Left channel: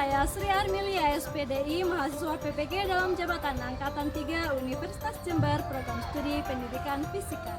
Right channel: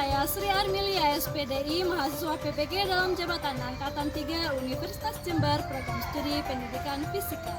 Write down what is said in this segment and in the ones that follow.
saya Sri Armilia SPDI, mahasiswa PPG dalam jabatan Angkatan 3 Universitas Jember, Program Studi Pendidikan Fisika.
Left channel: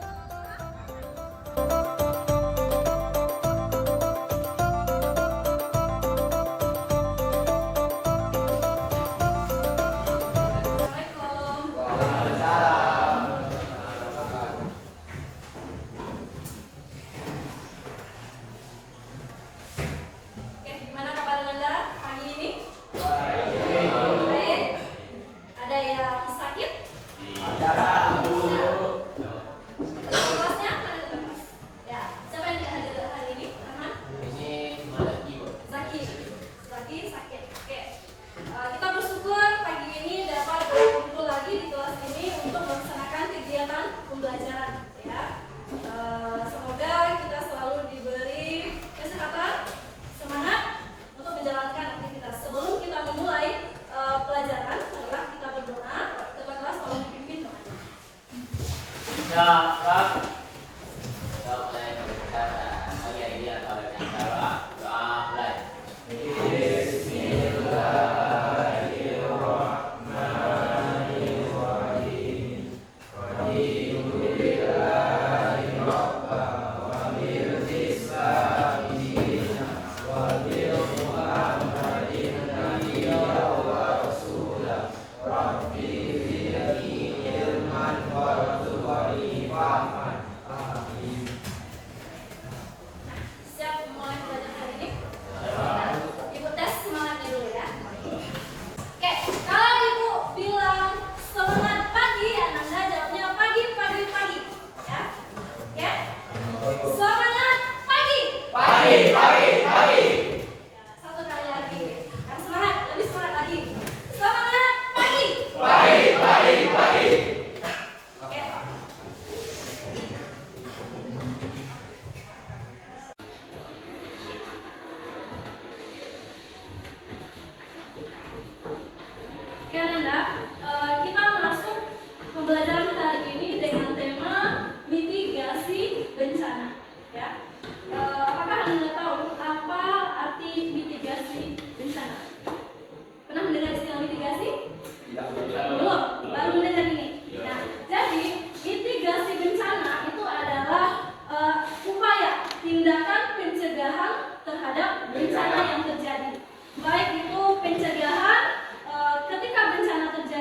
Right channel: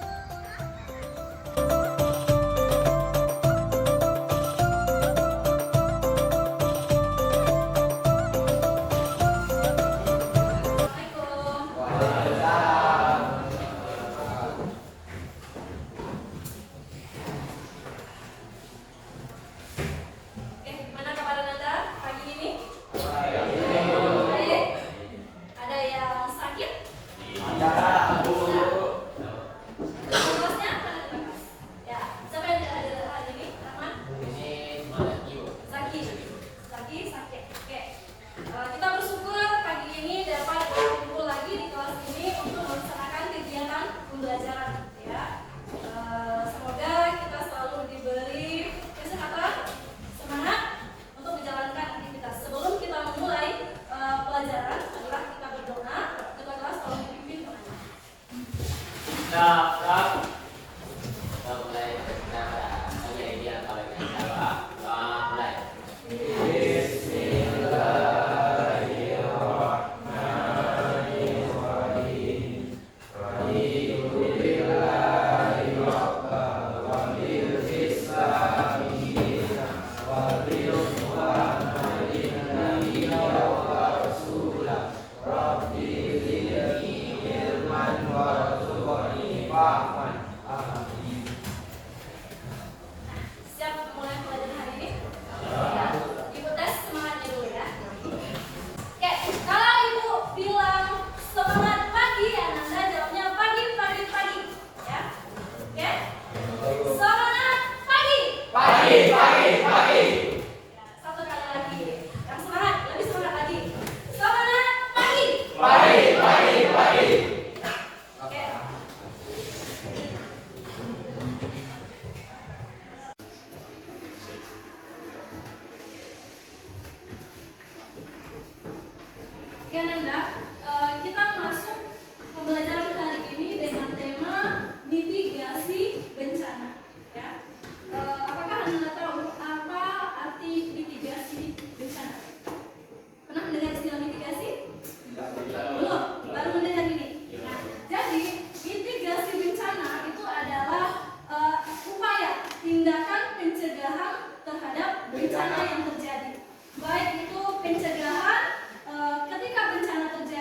Kita masuk pembelajaran hari ini dengan tema mitigasi bencana. Ya, apakah Anda tahu apa arti mitigasi bencana? Pernah mendengar istilah mitigasi? Belum, baru mendengar ini. Nah, jadi mitigasi bencana itu adalah upaya tindakan pencegahan terhadap bencana yang terjadi. Baik itu pencegahan ketika bencana terjadi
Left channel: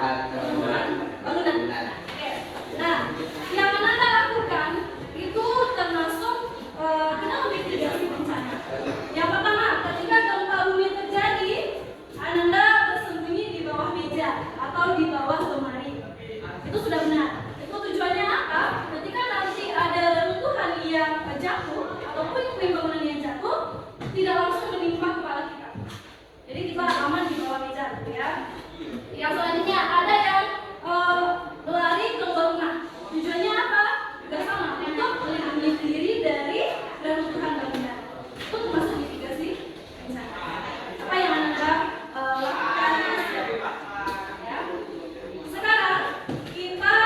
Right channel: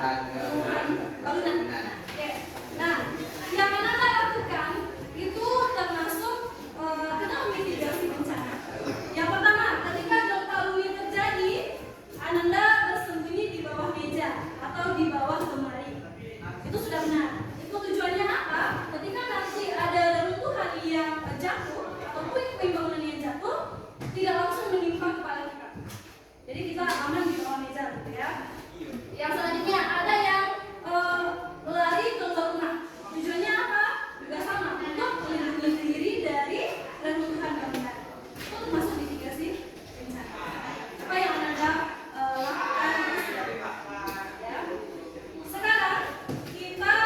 bangunan. Oke. Nah, yang Ananda lakukan itu termasuk ke dalam mitigasi bencana. Yang pertama, ketika gempa bumi terjadi, Ananda bersembunyi di bawah meja atau di bawah lemari. Itu sudah benar. Itu tujuannya apa? Ketika nanti ada reruntuhan yang jatuh atau puing-puing bangunan yang jatuh, tidak langsung menimpa kepala kita. Jadi kita aman di bawah meja, gitu ya. Yang selanjutnya ada yang lari ke bangunan. Tujuannya apa? Juga sama, untuk melindungi diri dari reruntuhan bangunan. Itu termasuk mitigasi bencana. Apa yang Anda lakukan? Ya. Sekarang kita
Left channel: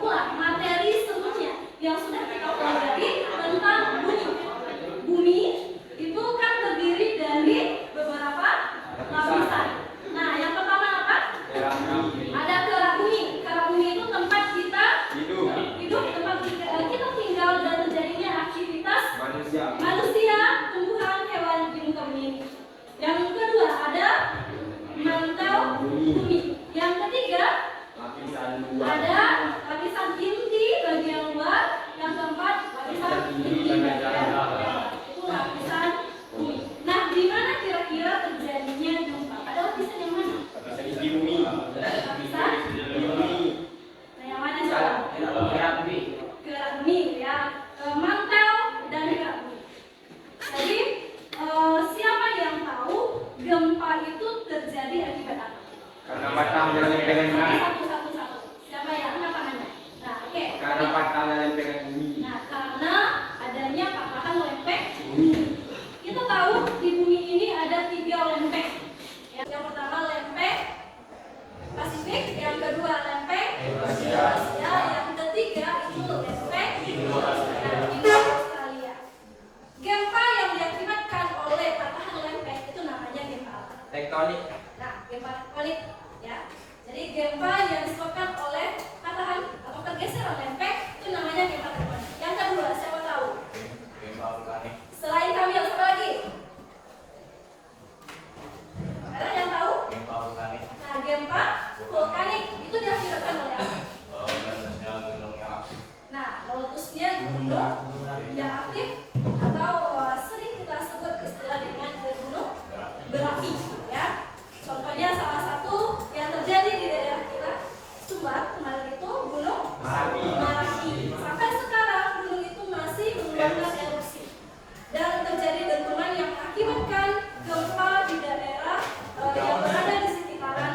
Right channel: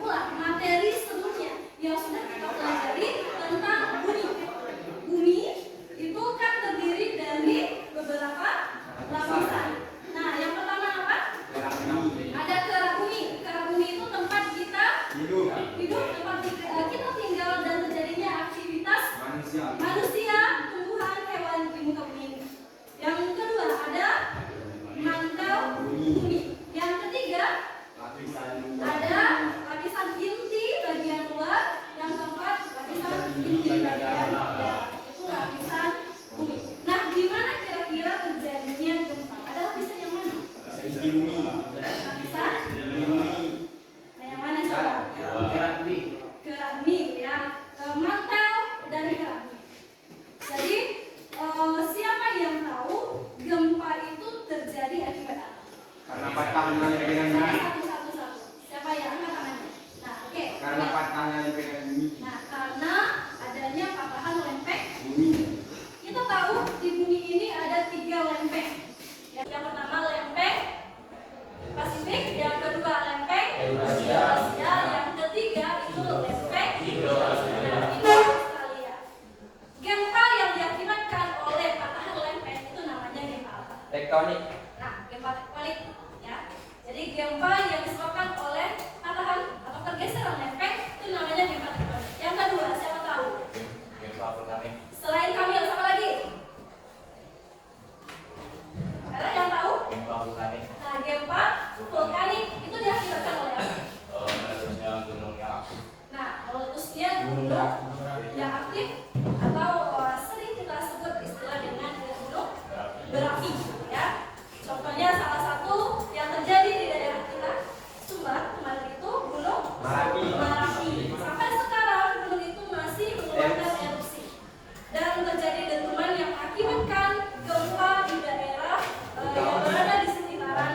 ulang materi sebelumnya yang sudah kita pelajari tentang bumi. Bumi itu kan terdiri dari beberapa lapisan. Nah, yang pertama apa? Ada kerak bumi. Kerak bumi itu tempat kita hidup, tempat kita tinggal dan terjadinya aktivitas manusia, tumbuhan, hewan di muka bumi ini. Yang kedua ada mantel bumi. Yang ketiga ada lapisan inti bagian luar. Yang keempat lapisan inti itu lapisan bumi. Nah, di mana kira-kira terjadinya gempa? Ada lapisan yang mana? Lapisan bumi. Nah, yang mana coba? Kerak bumi ya. Mantel dan kerak bumi. Jadi siapa yang tahu gempa itu terjadi akibat apa? Karena patahnya lempengan bumi. Satu. Siapa yang angkat tangannya? Nah, oke. Karena patahnya lempengan bumi. Nah, karena adanya patahan lempeng bumi. Kita tahu di bumi ini ada 3 lempeng. Yang pertama lempeng Pasifik, yang kedua lempeng Asia, yang ketiga itu lempeng Australia. Gempa yang diakibatkan oleh patahan lempeng itu namanya gempa apa? Tektonik. Nah, gempa tektonik ya. Jadi gempa yang disebabkan oleh patahan atau pergeseran lempeng itu namanya gempa tektonik. Yang kedua, siapa tahu? Gempa vulkanik. Selain Kamil, siapa lagi? Ada yang tahu? Gempa vulkanik. Nah, gempa vulkanik itu diakibatkan oleh apa? Meletusnya gunung yang aktif. Nah, meletusnya gunung yang aktif atau sering kita sebut istilah dengan gunung berapi ya. Contohnya salah satu yang terjadi di daerah kita Sumbar kemarin itu gunung Merapi. Sampai sekarang gunung itu masih mengeluarkan erupsi dan terjadi dentuman yang mengakibatkan gempa di daerah yang berada di sekitaran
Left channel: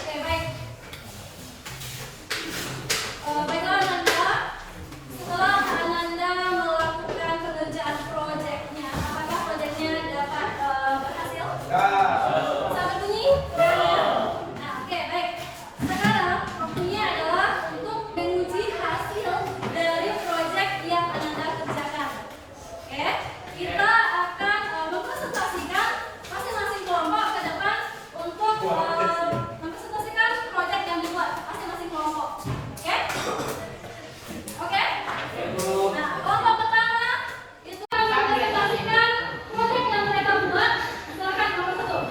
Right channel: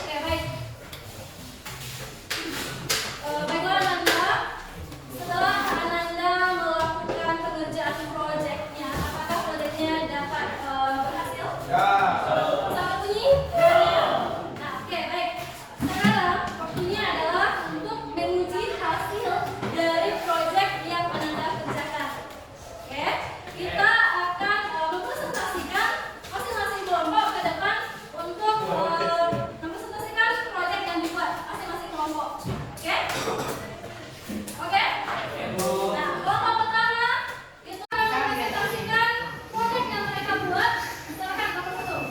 Oke, baik. Baiklah Ananda, setelah Ananda melakukan pengerjaan proyeknya, apakah proyeknya dapat berhasil? Sangat bunyi? Nah, oke, baik. Sekarang waktunya adalah untuk menguji hasil dari proyek yang Ananda kerjakan. Oke, kita akan mempresentasikan masing-masing kelompok ke depan untuk mempresentasikan proyek yang dibuat masing-masing kelompok. Oke? Oke? Nah, kelompok pertama itu akan mempresentasikan proyek yang mereka buat. Silakan nomor 1.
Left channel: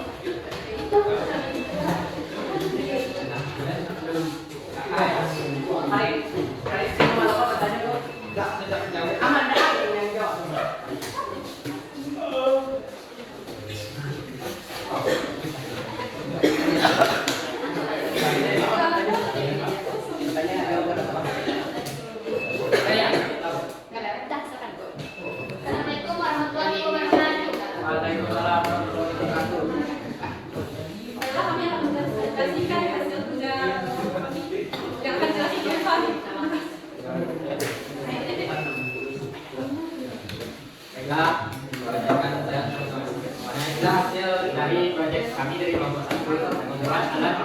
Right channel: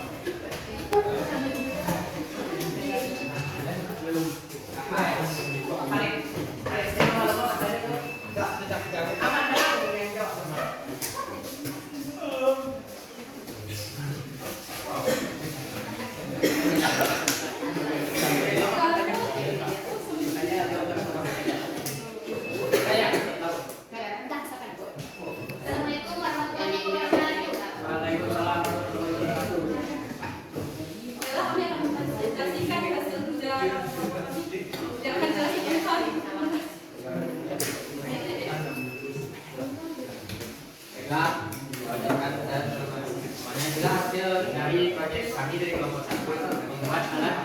Assalamualaikum warahmatullahi wabarakatuh. Baiklah, kami akan mempresentasikan hasil kerja kami yang akan jelaskan di depan. Baiklah, bacakan dan semuanya adalah hasil dari proyek kami dari kelompok 1 membuat alat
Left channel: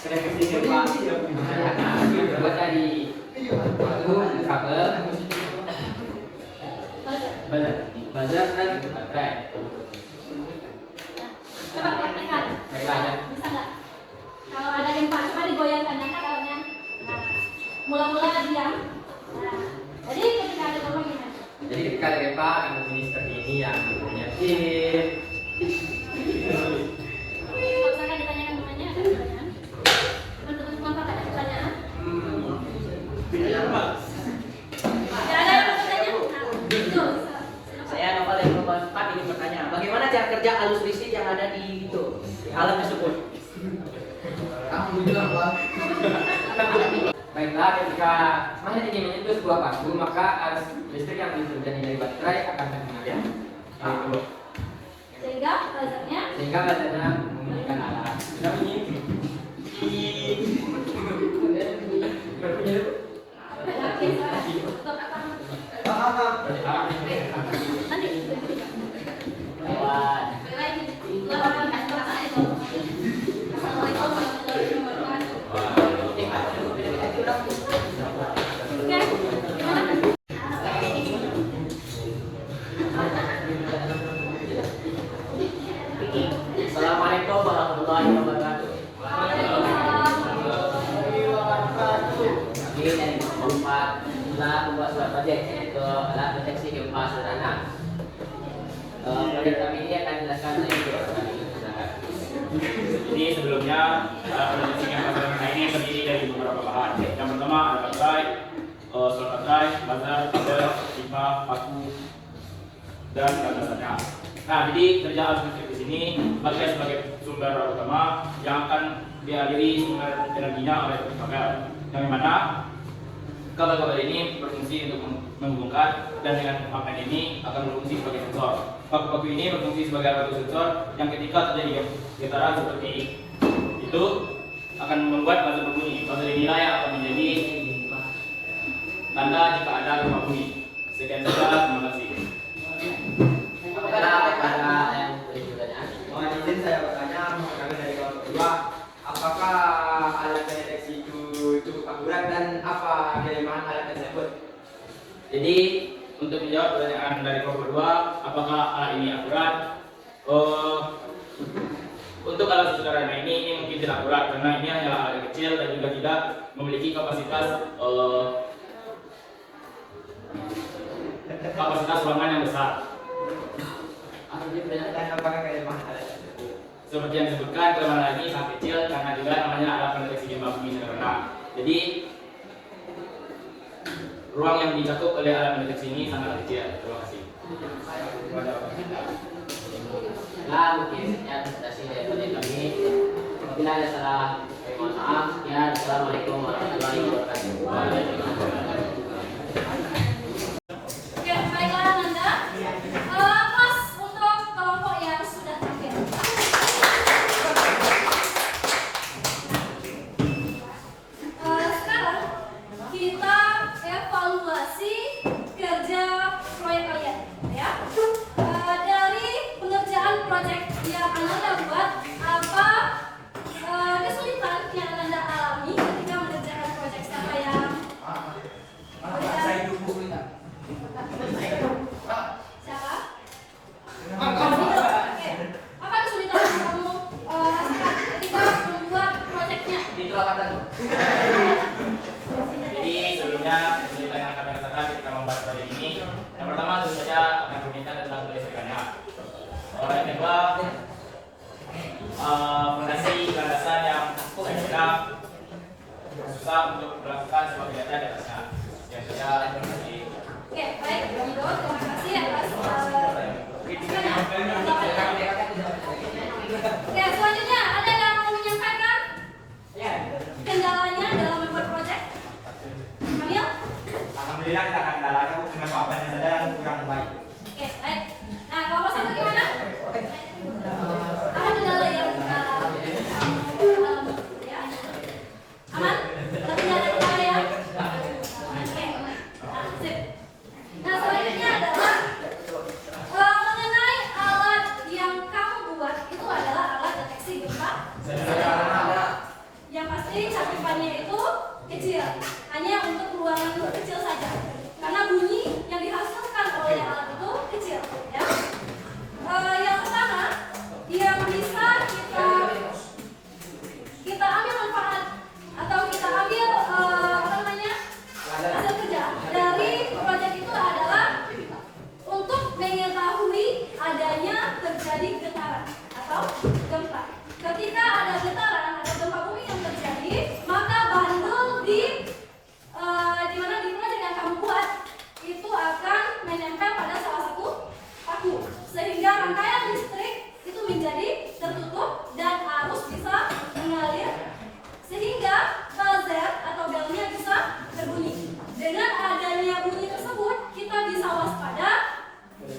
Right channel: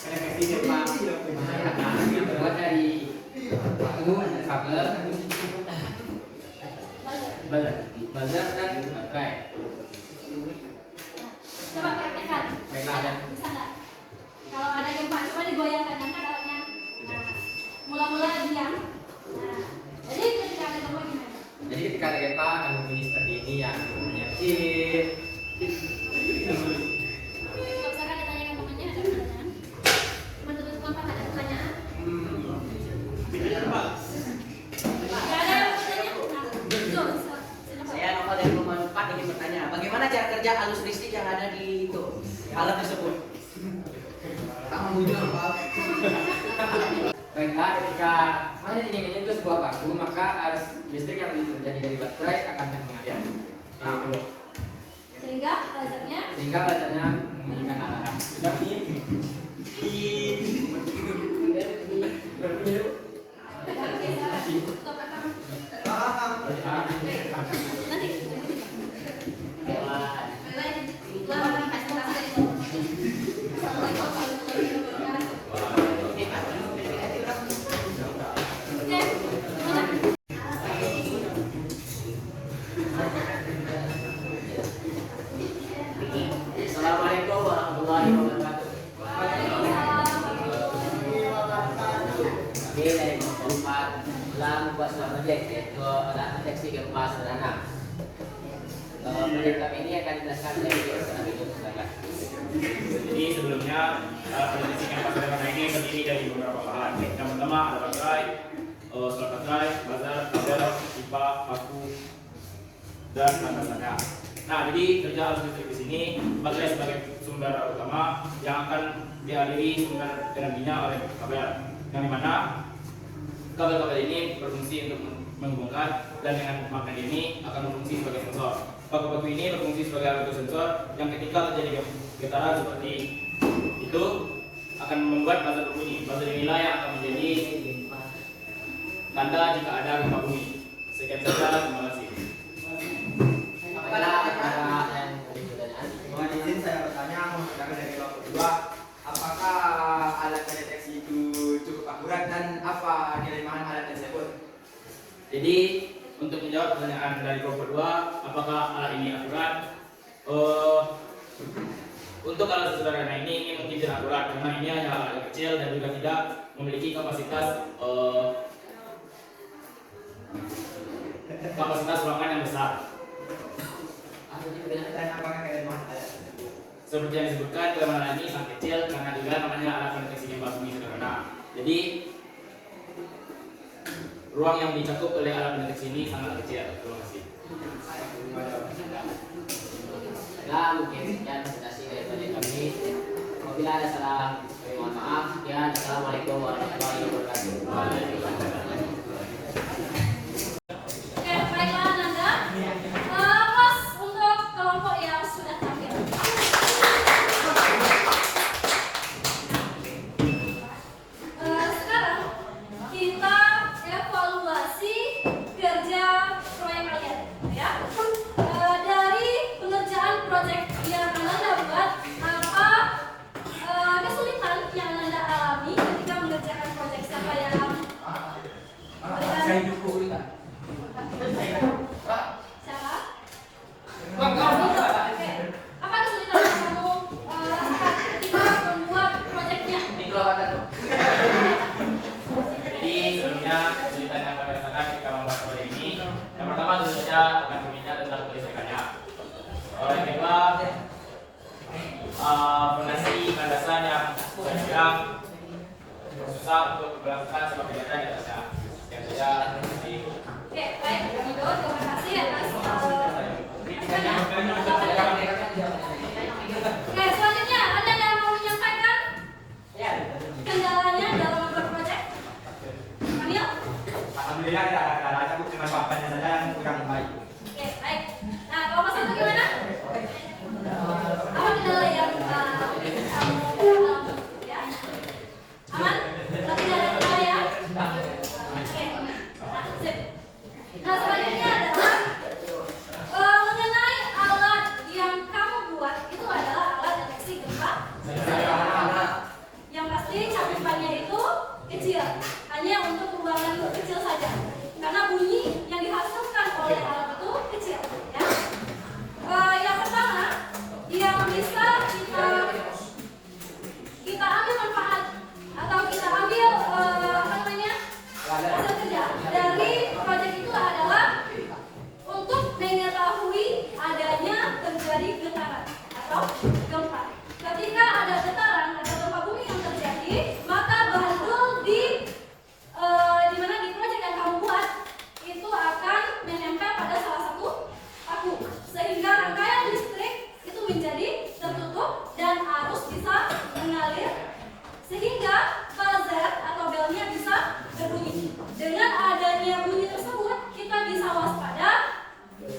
konektivitas gempa yang terbuat dari batu, kabel, buzzer dan baterai. Coba praktekkan. Baiklah, ya. Bisa nggak? Kalau ada gempa, coba digoyangkan ya kan alatnya. Nah, mula-mula diam. Nah, jadi ketika ada gempa gimana? Jadi ketika ada gempa akan berbunyi seperti ini yang bunyinya kecil. Silakan ditanyakan temannya, ada pertanyaan. Teman-teman kelompok ada pertanyaan? Tidak ada yang mau bertanya? Nah, itu. Silakan. Saya Novel dari Perubahan 4 ingin bertanya, bagaimana cara kerja alus listrik yang ada di itu alat tersebut? Baiklah, ketika mana ingin menyentuh sebuah batu, maka arus listrik yang terjadi dari baterai akan mengalir. Sehingga buzzernya Sehingga baterainya mengalirkan arah. Assalamualaikum warahmatullahi wabarakatuh. Ini dari kelompok 4 kita membuat sebuah proyek yaitu alat deteksi gempa sederhana. Proyek kami ini akan dijelaskan oleh silakan. Jadi sebelumnya kondisi gempa sederhana ini terdiri dari beberapa bahan. Yang pertama ada baterai, slot baterai, buzzer, kabel, pipa, paku, dan baterainya. Nah, jadi kerja arus listrik di sini baterai sebagai sumber utama yang akan dialiri sumber energinya oleh kabel. Yang dimana kabel-kabel ini berfungsi untuk menghubungkan dan dengan magnet ini akan berfungsi sebagai sensor. Paku-paku ini berfungsi sebagai alat bantu sensor yang ketika terjadi getaran seperti itu akan membuat buzzer berbunyi. Buzzer inilah yang akan menjadi tanda jika ada gempa bumi. Sekian saja, terima kasih. Apakah ada yang bertanya? Mohon izin saya bertanya mengenai dari kelompok kedua. pendeteksi itu cukup akurat dan apa kelemahan alat tersebut? Jadi untuk menjawab pertanyaan dari kelompok 2, apakah alat ini akurat? Untuk alat sederhana ini mungkin tidak akurat karena ini hanya alat kecil dan juga tidak memiliki kapasitas ruangan yang besar. Dan apakah kelemahan alat tersebut? Seperti yang disebutkan, kelemahan alat ini sangat kecil karena juga namanya alat pendeteksi gempa bumi sederhana. Jadi ruang yang dicakup oleh alat pendeteksi ini sangat kecil. Terima kasih. Ya, mungkin sekian presentasi dari proyek kami. Apabila ada salah, saya mohon maaf. Sekian, assalamualaikum warahmatullahi wabarakatuh. Oke, baiklah Nanda. Plus untuk kelompok yang sudah tampil. Sekarang kita evaluasi kerja proyek kalian, ya. Dari pengerjaan proyek yang Anda buat, apa kesulitan yang Anda alami ketika mengerjakan proyek siapa yang Siapa? Oke. Apa kesulitan yang kamu rasakan ketika membuat proyeknya? Jadi sebelumnya kesulitan yang kami rasakan ketika membuat proyek ini, yang pertama tentu saja akan berbicara tentang kelistrikannya. Yang kedua, fondasi landasan yang kadang susah untuk melakukan sebuah kegiatan di atasnya. Yang sudah Oke, baik. Terima kasih atas penjelasannya. Oke, selanjutnya ada yang mau menyampaikan kendalanya dalam membuat proyek? Kamil? Alhamdulillah tidak ada kendalanya, cuma papannya saja yang kurang baik. Oke, baik. Nah, kalau Mas Abdul gimana? Apa kendala yang kamu alami? Ya? Aman? Berarti nggak ada kendala ya? Oke. Sip. Nah, selanjutnya adalah mengenai alat yang kamu buat itu adalah alat deteksi gempa. Yang pasti cakupannya itu kecil, hanya untuk ruangan kecil saja. Karena bunyi yang dihasilkan oleh alat itu kecil, ya. Yang pertama, yang bisa kita ambil manfaat atau kita ambil hasil kerja dari proyek itu adalah untuk mengetahui adanya terjadi getaran atau gempa. Ketika ada getaran atau gempa bumi yang terjadi, maka bandul di mana di proyek yang kamu buat itu akan menempel pada salah satu paku, sehingga rangkaian listrik itu menjadi tertutup dan arus bisa mengalir, sehingga buzzer atau belnya bisa berbunyi. Dengan adanya bunyi tersebut, kita bisa waspada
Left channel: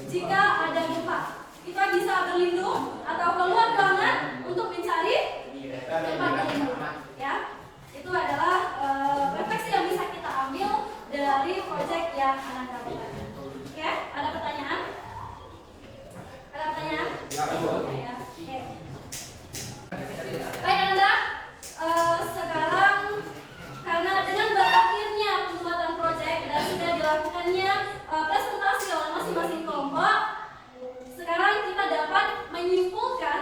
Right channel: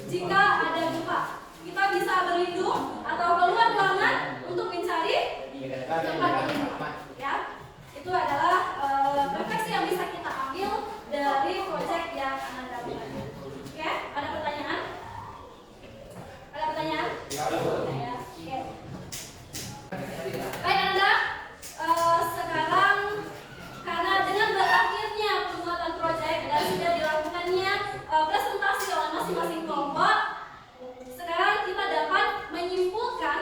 jika ada gempa. Kita bisa berlindung atau keluar ruangan untuk mencari tempat lain. Ya, itu adalah refleksi yang bisa kita ambil dari proyek yang Anda dapatkan. Oke, ada pertanyaan? Ada pertanyaan? Ya, oke. Baik Anda, sekarang karena dengan berakhirnya pembuatan proyek dan sudah dilakukannya presentasi oleh masing-masing kelompok, sekarang kita dapat menyimpulkan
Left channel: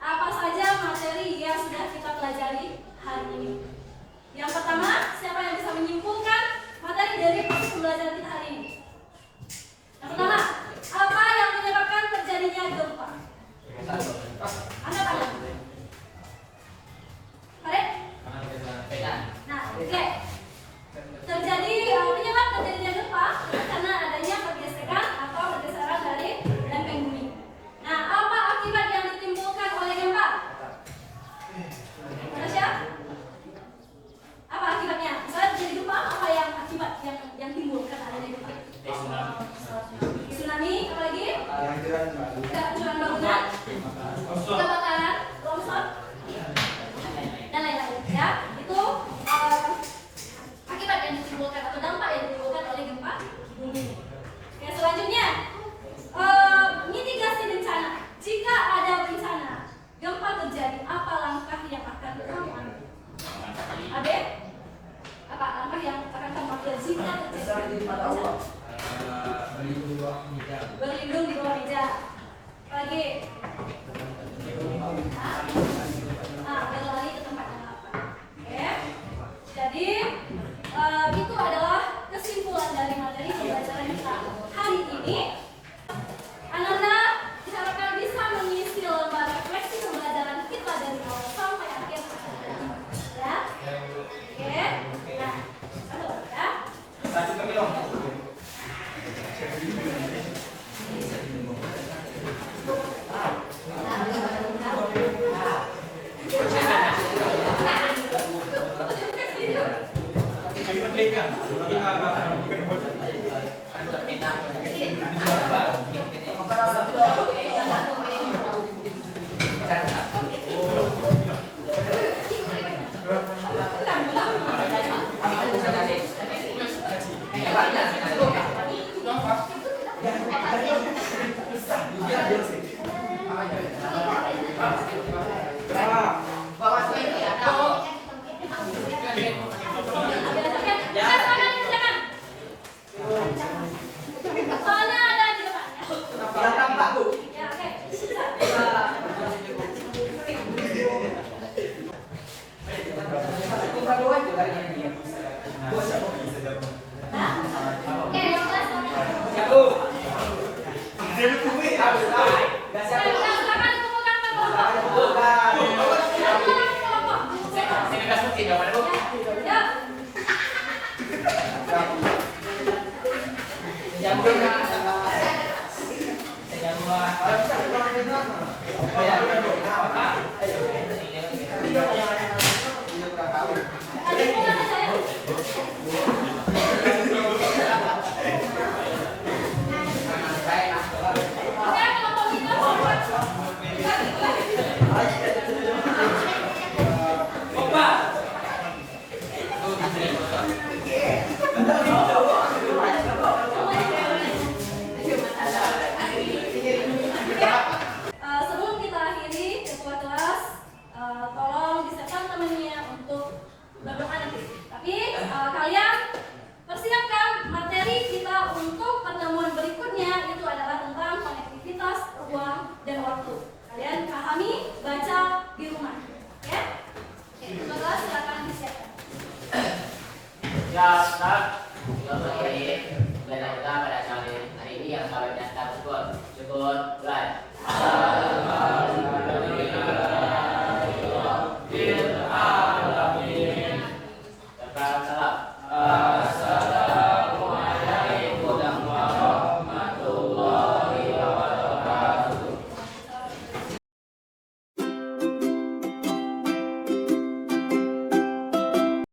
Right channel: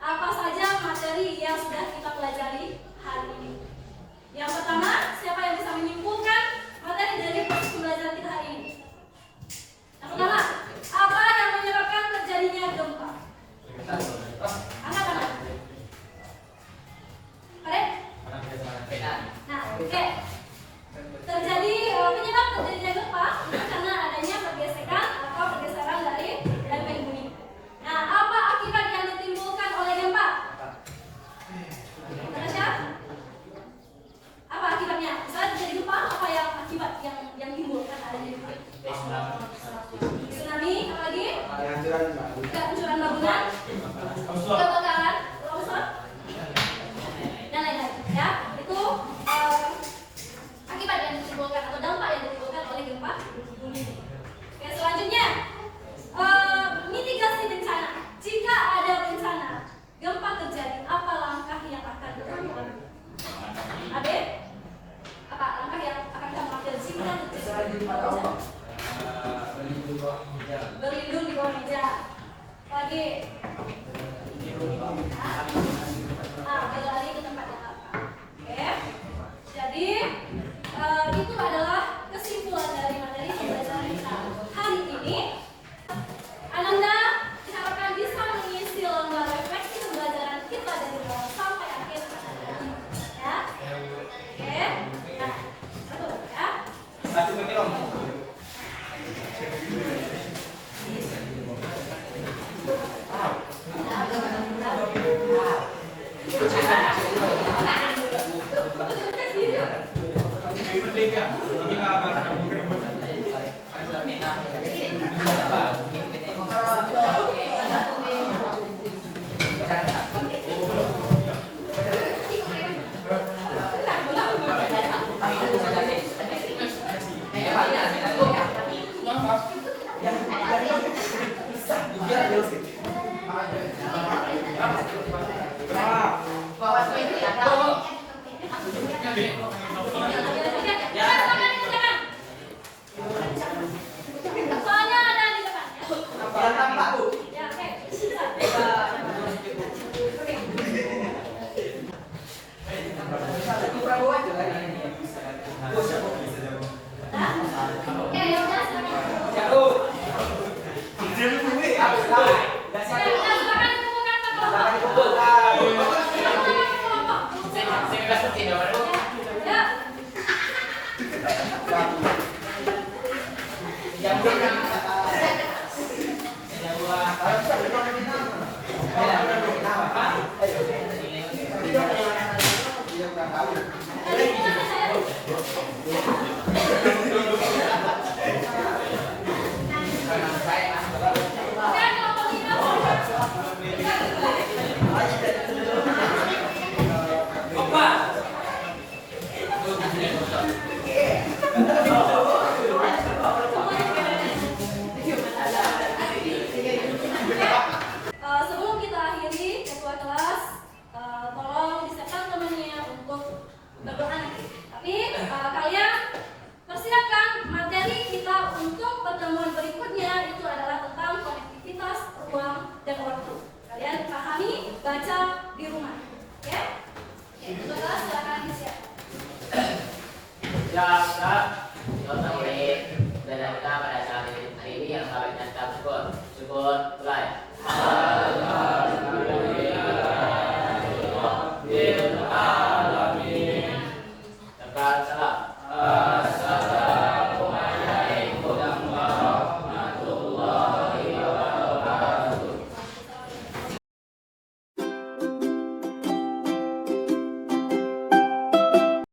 apa saja materi yang sudah kita pelajari hari ini. Yang pertama, siapa yang bisa menyimpulkan materi dari proses pembelajaran kita hari ini? Yang pertama, apa yang menyebabkan terjadinya gempa? Angkat tangan. Farid? Nah, oke. Terjadi penyebab terjadinya gempa karena adanya pergesekan atau pergeseran dari lempeng bumi. Nah, apa akibat yang ditimbulkan oleh gempa? Manusia? Apa akibatnya? Misalnya terjadi gempa, apa yang akibat yang timbulkan adanya gempa? Tsunami, apa lagi? Kehancuran bangunan, kebakaran, longsor, dan lain-lain. Ya, itu Soalnya ada di depan. Ya, oke. Oke, ya udah. Silakan kumpulkan ke kelompok. Ya. Oke, kelompok kita. Sebelum kita akhiri ketua kelas, tolong disiapkan temennya untuk berdoa nanti. Tapi kalian persiapkan materi kita untuk pertemuan berikutnya, itu adalah tentang konektivitas ruang dan waktu. Kalian pahami, baca di rumah, ya? Oke, ketua kelas silakan disiapkan. Dan pada saat hari ini yang sampai kita syukur mulai.